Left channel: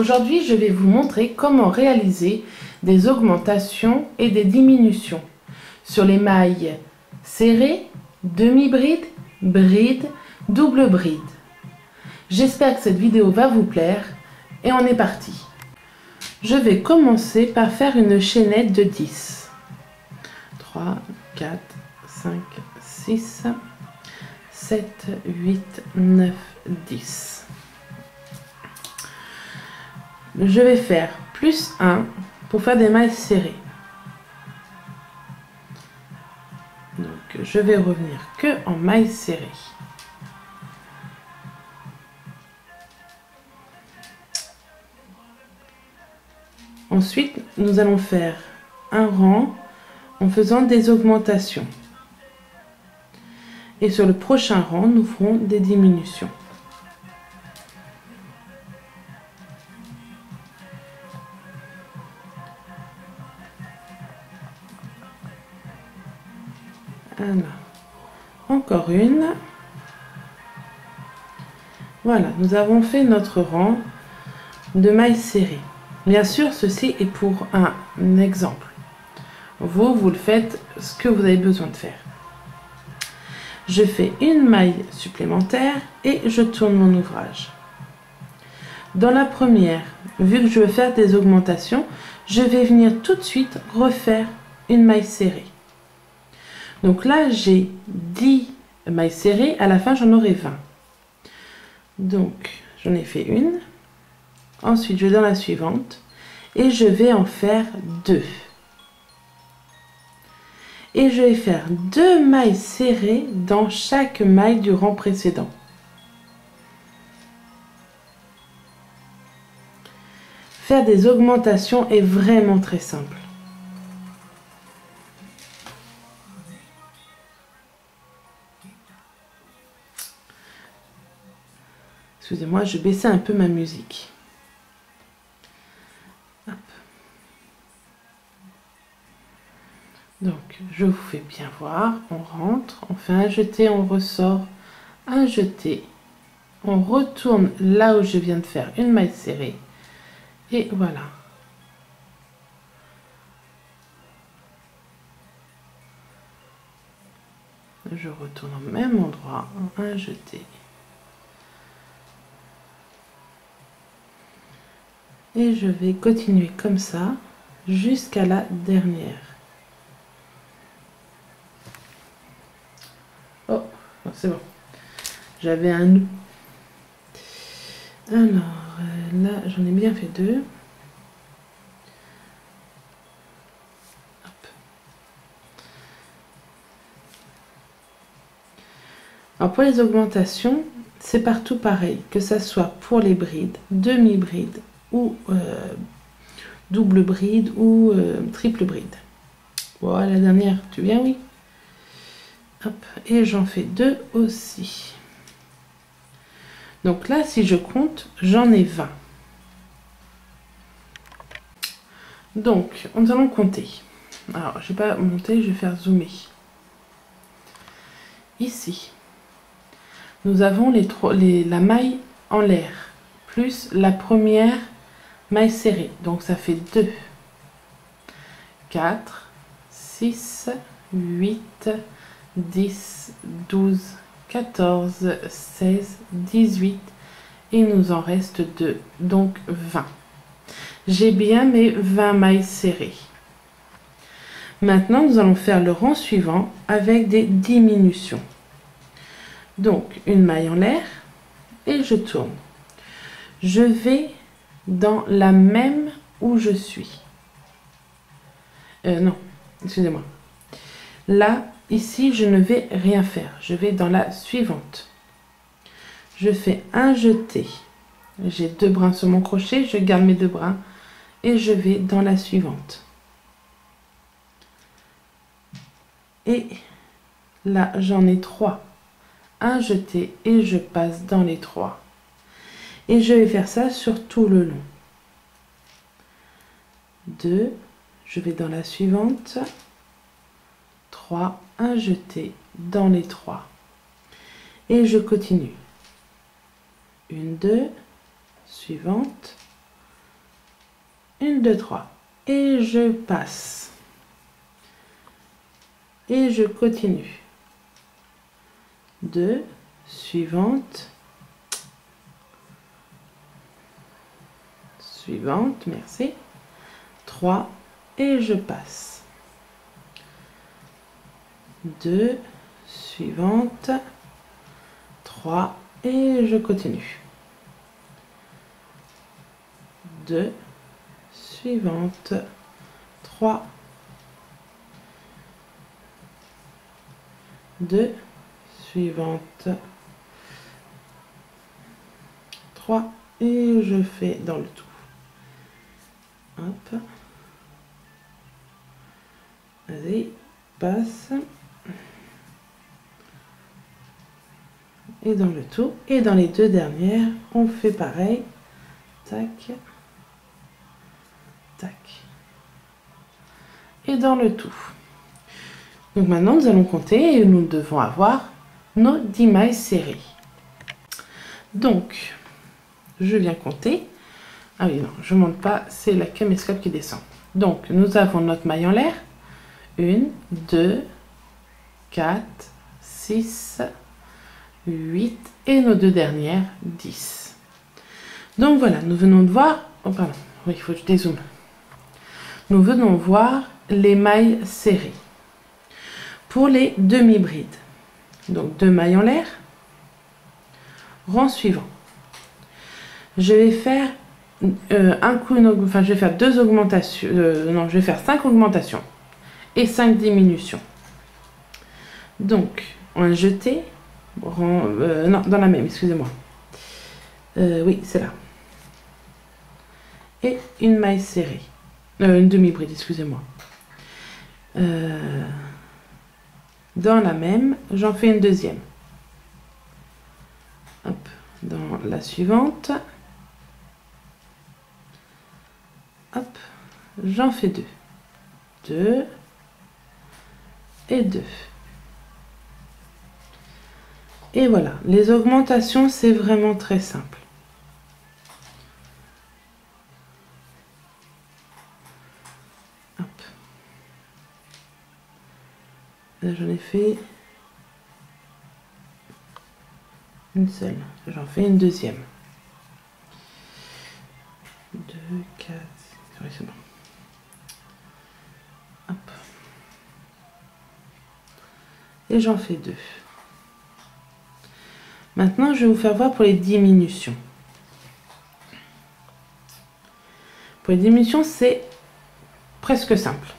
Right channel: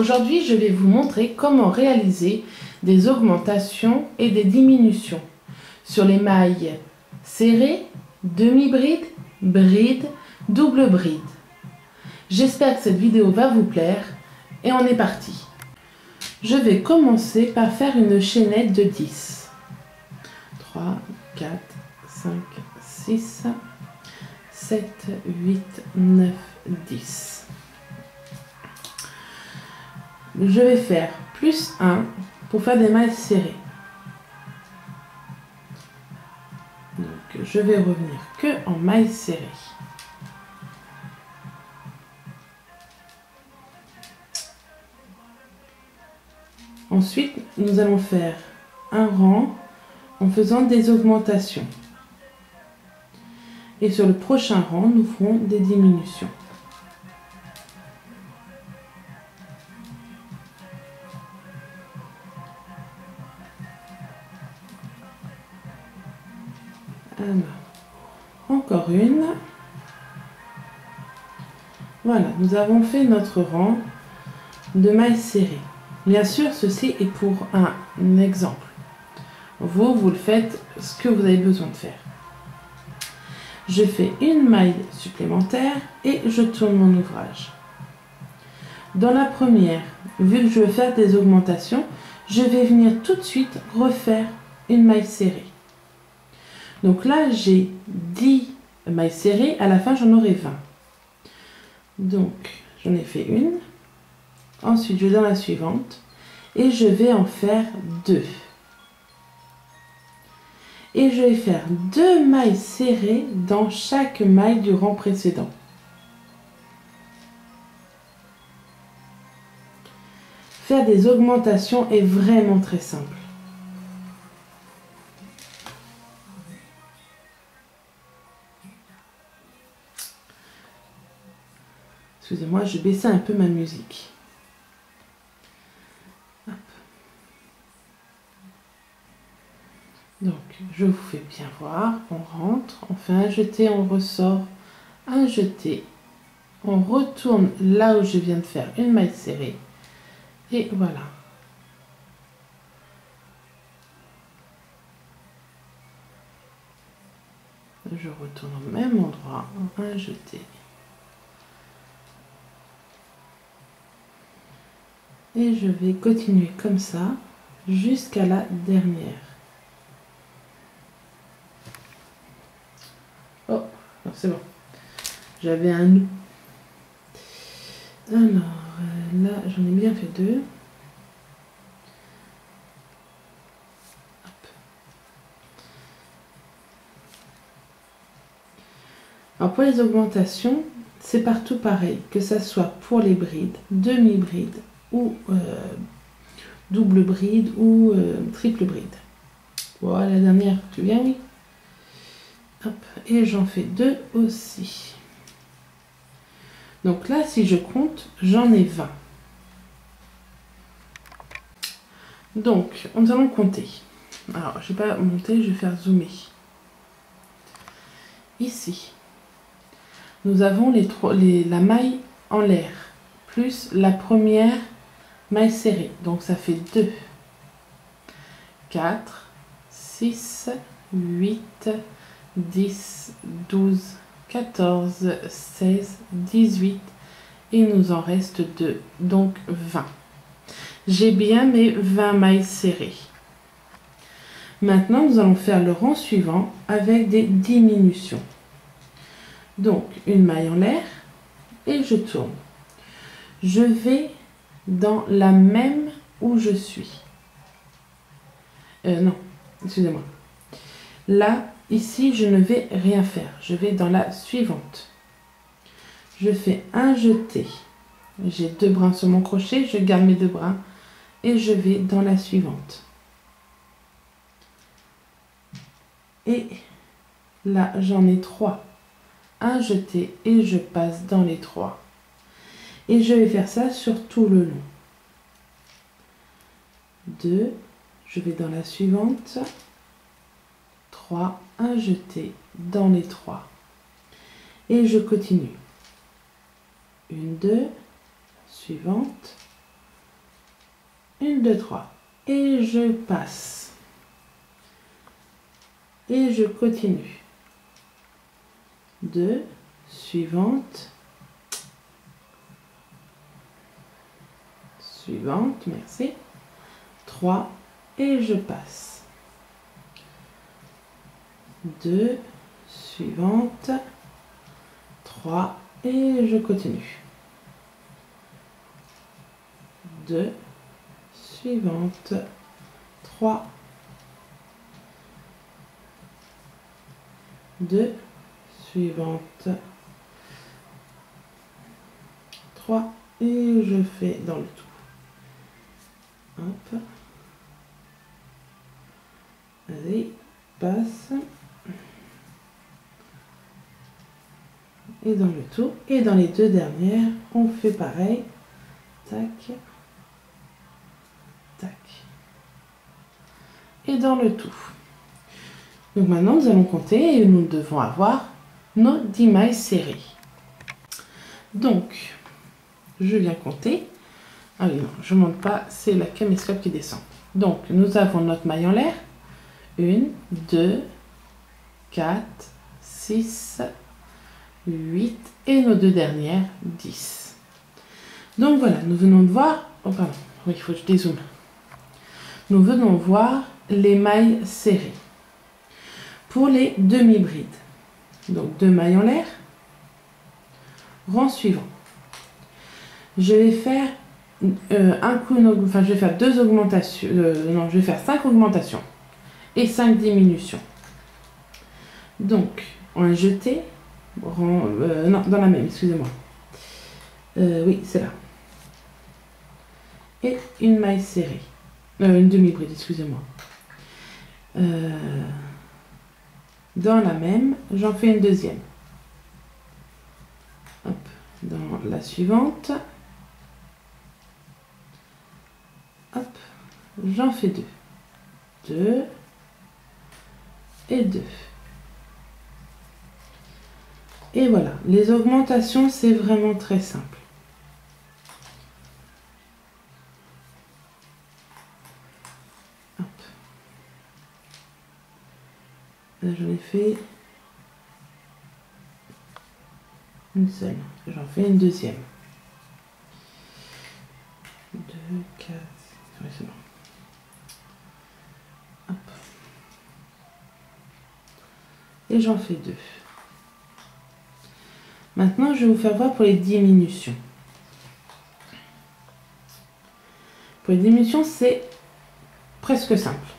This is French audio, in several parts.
Aujourd'hui, je vais vous montrer comment réaliser des augmentations et des diminutions sur les mailles serrées, demi-bride, bride, double bride. J'espère que cette vidéo va vous plaire et on est parti. Je vais commencer par faire une chaînette de 10. 3, 4, 5, 6, 7, 8, 9, 10. Je vais faire plus 1 pour faire des mailles serrées. Donc je vais revenir que en mailles serrées. Ensuite, nous allons faire un rang en faisant des augmentations. Et sur le prochain rang, nous ferons des diminutions. Alors, encore une. Voilà, nous avons fait notre rang de mailles serrées. Bien sûr, ceci est pour un exemple. Vous le faites ce que vous avez besoin de faire. Je fais une maille supplémentaire et je tourne mon ouvrage. Dans la première, vu que je veux faire des augmentations, je vais venir tout de suite refaire une maille serrée. Donc là, j'ai 10 mailles serrées, à la fin j'en aurai 20. Donc, j'en ai fait une. Ensuite, je vais dans la suivante et je vais en faire 2. Et je vais faire 2 mailles serrées dans chaque maille du rang précédent. Faire des augmentations est vraiment très simple. Excusez-moi, je baissais un peu ma musique. Hop. Donc, je vous fais bien voir. On rentre, on fait un jeté, on ressort, un jeté. On retourne là où je viens de faire une maille serrée. Et voilà. Je retourne au même endroit, un jeté. Et je vais continuer comme ça jusqu'à la dernière. Oh, c'est bon. J'avais un nœud. Alors, là, j'en ai bien fait 2. Hop. Alors, pour les augmentations, c'est partout pareil, que ça soit pour les brides, demi-brides, ou double bride ou triple bride. Voilà, la dernière, tu viens, oui. Hop, et j'en fais 2 aussi. Donc là, si je compte, j'en ai 20. Donc, nous allons compter. Alors, je ne vais pas monter, je vais faire zoomer. Ici, nous avons la maille en l'air, plus la première maille serrée, donc ça fait 2, 4, 6, 8, 10, 12, 14, 16, 18 et il nous en reste 2, donc 20. J'ai bien mes 20 mailles serrées. Maintenant, nous allons faire le rang suivant avec des diminutions. Donc, une maille en l'air et je tourne. Je vais dans la même où je suis. Non, excusez-moi. Là, ici, je ne vais rien faire. Je vais dans la suivante. Je fais un jeté. J'ai 2 brins sur mon crochet. Je garde mes 2 brins et je vais dans la suivante. Et là, j'en ai 3. Un jeté et je passe dans les 3. Et je vais faire ça sur tout le long. 2, je vais dans la suivante. 3, un jeté dans les 3. Et je continue. 1, 2, suivante. 1, 2, 3. Et je passe. Et je continue. 2, suivante. Suivante, merci. 3 et je passe. 2, suivante. 3 et je continue. 2, suivante. 3, 2, suivante. 3 et je fais dans le tout. Hop. Vas-y, passe. Et dans le tout. Et dans les deux dernières, on fait pareil. Tac. Tac. Et dans le tout. Donc maintenant, nous allons compter et nous devons avoir nos 10 mailles serrées. Donc, je viens compter. Ah oui, non, je ne monte pas, c'est la caméscope qui descend. Donc, nous avons notre maille en l'air. 1, 2, 4, 6, 8 et nos deux dernières, 10. Donc voilà, nous venons de voir... Oh pardon, oui, il faut que je dézoome. Nous venons voir les mailles serrées. Pour les demi-brides, donc 2 mailles en l'air, rang suivant. Je vais faire je vais faire 2 augmentations, non, je vais faire 5 augmentations et 5 diminutions. Donc, un jeté, non, dans la même, excusez-moi. Oui, c'est là. Et une maille serrée, une demi-bride, excusez-moi. Dans la même, j'en fais une deuxième. Hop, dans la suivante. Hop, j'en fais 2. 2 et 2. Et voilà, les augmentations, c'est vraiment très simple. Hop. Là, j'en ai fait une seule. J'en fais une deuxième. 2, 4, oui, c'est bon. Hop. Et j'en fais 2. Maintenant, je vais vous faire voir pour les diminutions. Pour les diminutions, c'est presque simple.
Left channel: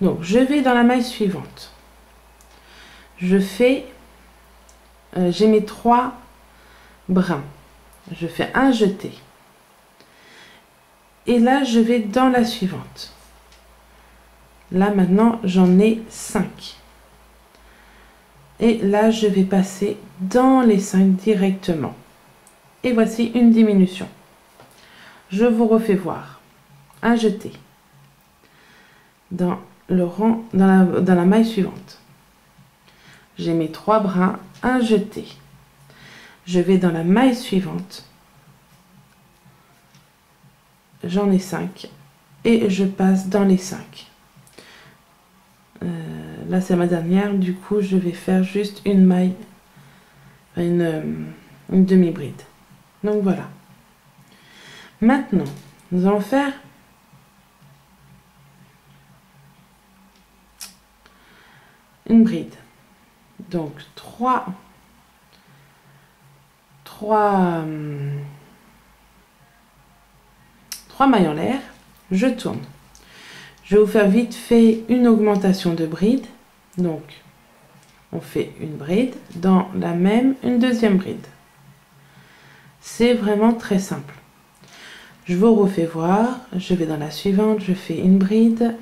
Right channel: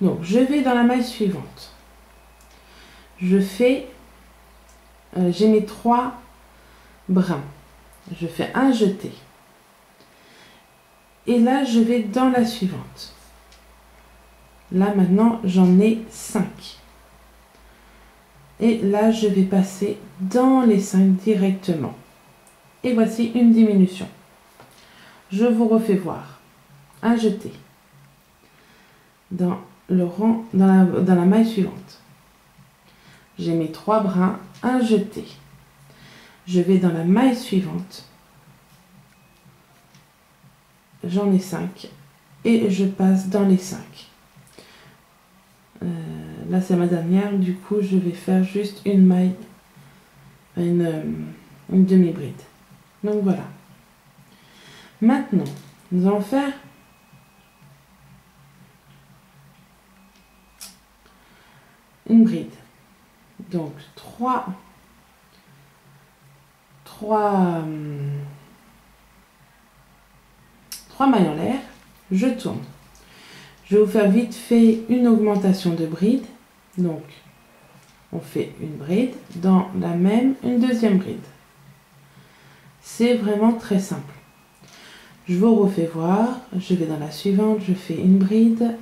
Donc, je vais dans la maille suivante. Je fais... j'ai mes 3 brins. Je fais un jeté. Et là, je vais dans la suivante. Là, maintenant, j'en ai 5. Et là, je vais passer dans les 5 directement. Et voici une diminution. Je vous refais voir. Un jeté. Dans le rang, dans la maille suivante. J'ai mes 3 brins, un jeté. Je vais dans la maille suivante. J'en ai 5 et je passe dans les 5. Là c'est ma dernière, du coup je vais faire juste une maille, une demi-bride. Donc voilà. Maintenant, nous allons faire une bride. Donc 3 mailles en l'air, je tourne. Je vais vous faire vite fait une augmentation de bride. Donc, on fait une bride, dans la même, une deuxième bride. C'est vraiment très simple. Je vous refais voir, je vais dans la suivante, je fais une bride,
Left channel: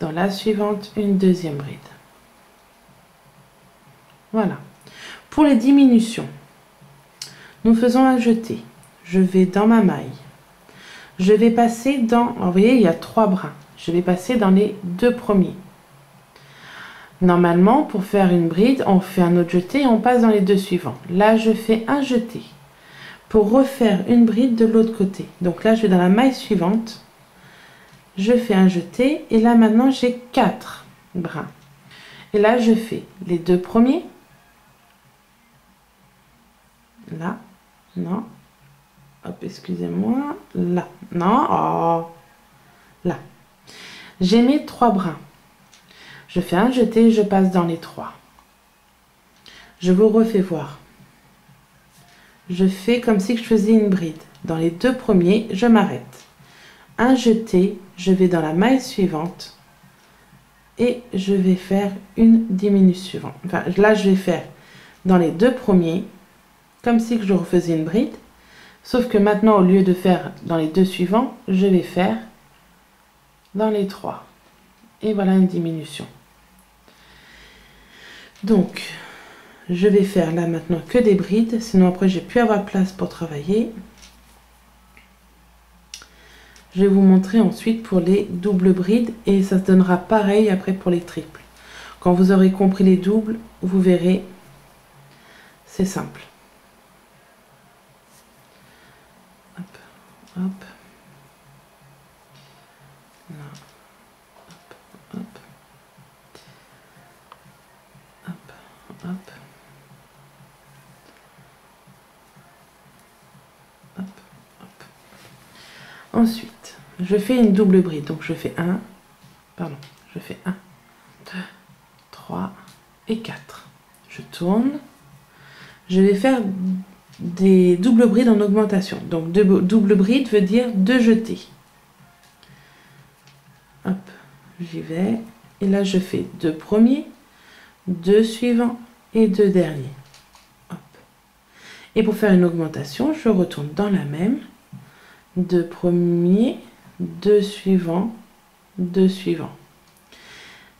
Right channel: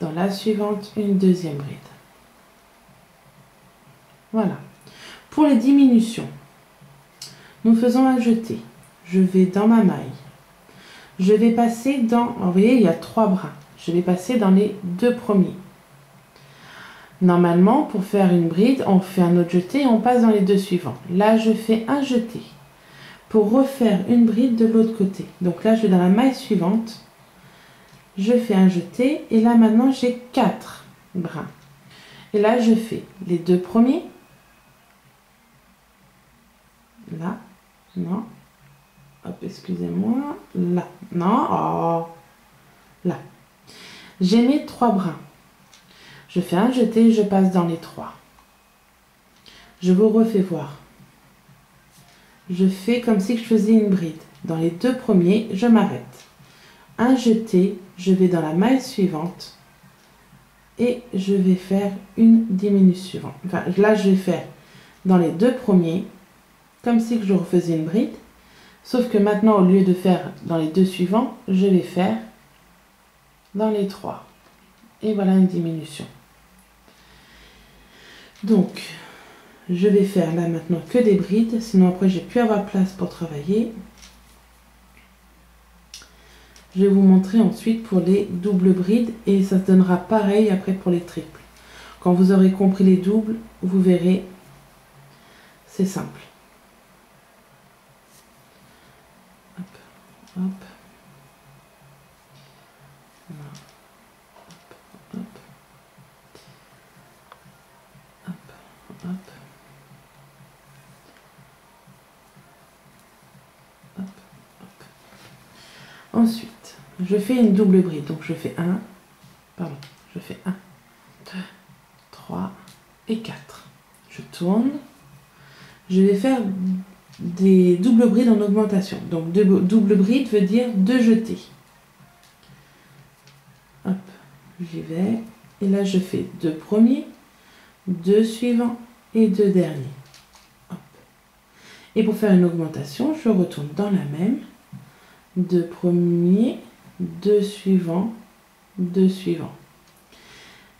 dans la suivante, une deuxième bride. Voilà. Pour les diminutions, nous faisons un jeté. Je vais dans ma maille. Je vais passer dans, vous voyez, il y a 3 brins. Je vais passer dans les 2 premiers. Normalement, pour faire une bride, on fait un autre jeté et on passe dans les 2 suivants. Là, je fais un jeté. pour refaire une bride de l'autre côté. Donc là, je vais dans la maille suivante, je fais un jeté et là maintenant j'ai 4 brins. Et là, je fais les 2 premiers. Là, non. Hop, excusez-moi. Là, non. Oh. Là. J'ai mes 3 brins. Je fais un jeté, je passe dans les 3. Je vous refais voir. Je fais comme si je faisais une bride. Dans les 2 premiers, je m'arrête. Un jeté, je vais dans la maille suivante et je vais faire une diminution. Enfin, là, je vais faire dans les 2 premiers, comme si je refaisais une bride. Sauf que maintenant, au lieu de faire dans les 2 suivants, je vais faire dans les 3. Et voilà une diminution. Donc, je vais faire là maintenant que des brides, sinon après j'ai plus avoir place pour travailler. Je vais vous montrer ensuite pour les doubles brides et ça se donnera pareil après pour les triples. Quand vous aurez compris les doubles, vous verrez, c'est simple. Hop, hop. Là. Hop, hop. Hop, hop. Hop, hop. Ensuite, je fais une double bride. Donc je fais 1, 2, 3 et 4. Je tourne. Je vais faire des doubles brides en augmentation. Donc double bride veut dire 2 jetés. Hop, j'y vais. Et là, je fais 2 premiers, 2 suivants et 2 derniers. Hop. Et pour faire une augmentation, je retourne dans la même. 2 premiers, 2 suivants, 2 suivants.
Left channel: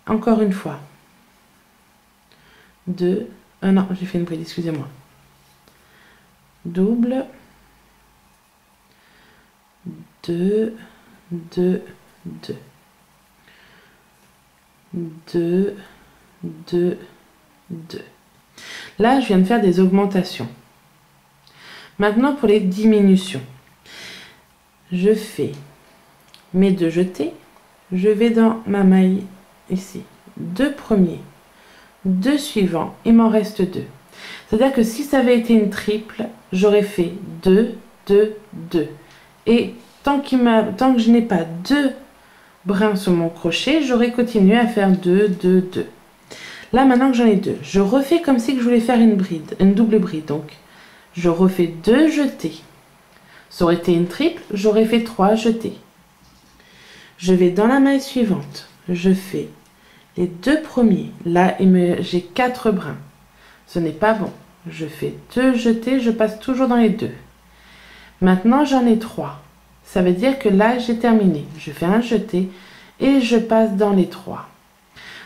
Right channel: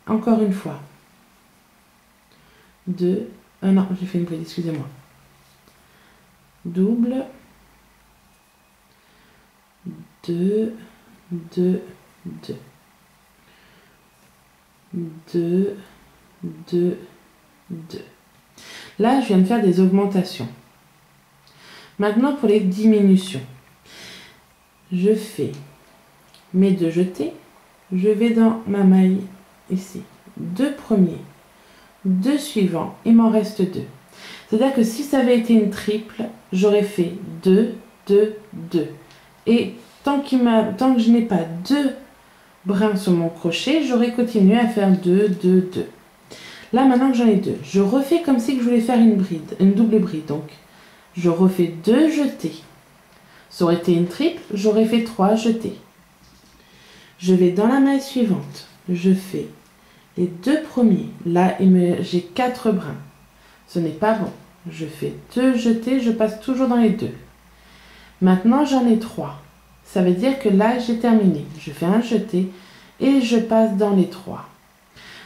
Encore une fois. 2. Non, j'ai fait une bride, excusez-moi. Double. 2, 2, 2. 2, 2, 2. Là, je viens de faire des augmentations. Maintenant, pour les diminutions. Je fais mes 2 jetés. Je vais dans ma maille ici. 2 premiers, 2 suivants. Il m'en reste 2. C'est-à-dire que si ça avait été une triple, j'aurais fait 2, 2, 2. Et tant que je n'ai pas 2 brins sur mon crochet, j'aurais continué à faire 2, 2, 2. Là, maintenant que j'en ai 2, je refais comme si je voulais faire une bride, une double bride. Donc, je refais 2 jetés. Ça aurait été une triple, j'aurais fait 3 jetés. Je vais dans la maille suivante. Je fais les 2 premiers. Là, j'ai 4 brins. Ce n'est pas bon. Je fais 2 jetés, je passe toujours dans les 2. Maintenant, j'en ai 3. Ça veut dire que là, j'ai terminé. Je fais un jeté et je passe dans les 3.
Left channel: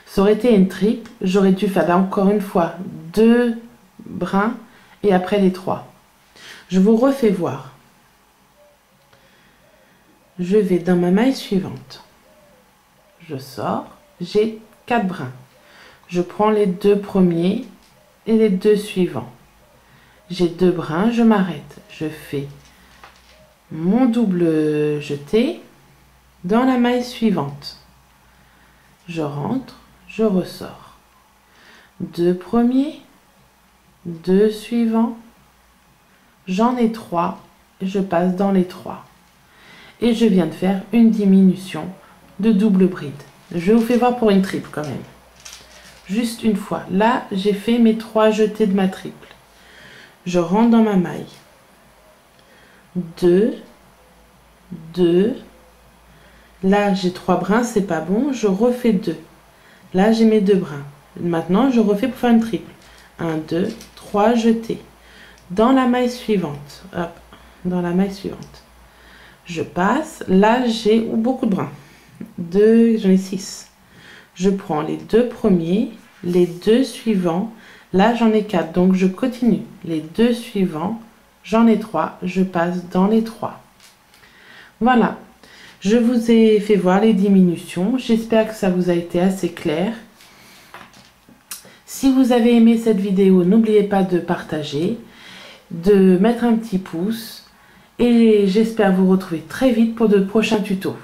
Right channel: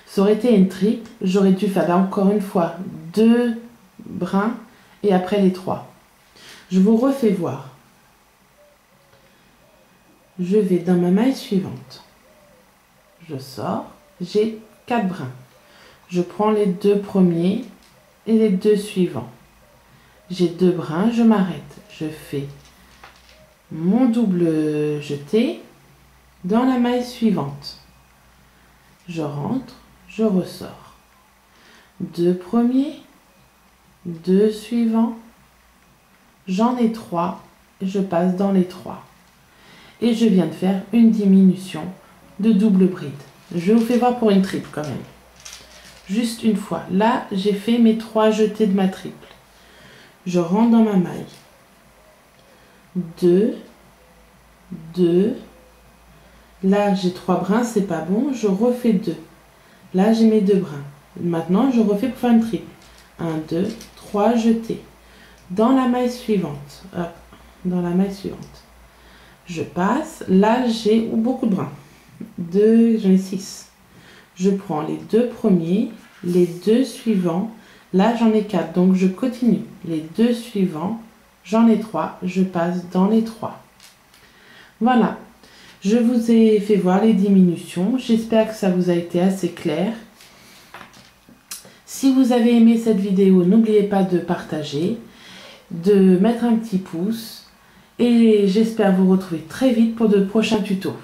Ça aurait été une triple, j'aurais dû faire là encore une fois 2 brins et après les 3. Je vous refais voir. Je vais dans ma maille suivante. Je sors, j'ai 4 brins. Je prends les 2 premiers et les 2 suivants. J'ai 2 brins, je m'arrête. Je fais mon double jeté dans la maille suivante. Je rentre, je ressors. 2 premiers, 2 suivants. J'en ai 3, je passe dans les 3. Et je viens de faire une diminution de double bride. Je vous fais voir pour une triple quand même. Juste une fois. Là, j'ai fait mes 3 jetés de ma triple. Je rentre dans ma maille. 2, 2. Là, j'ai 3 brins, c'est pas bon. Je refais 2. Là, j'ai mes 2 brins. Maintenant, je refais pour faire une triple. 1, 2, 3 jetés. Dans la maille suivante. Hop, dans la maille suivante. Je passe. Là, j'ai beaucoup de brins. J'en ai 6. Je prends les 2 premiers, les 2 suivants. Là, j'en ai 4, donc je continue. Les 2 suivants, j'en ai 3. Je passe dans les 3. Voilà. Je vous ai fait voir les diminutions. J'espère que ça vous a été assez clair. Si vous avez aimé cette vidéo, n'oubliez pas de partager. de mettre un petit pouce et j'espère vous retrouver très vite pour de prochains tutos.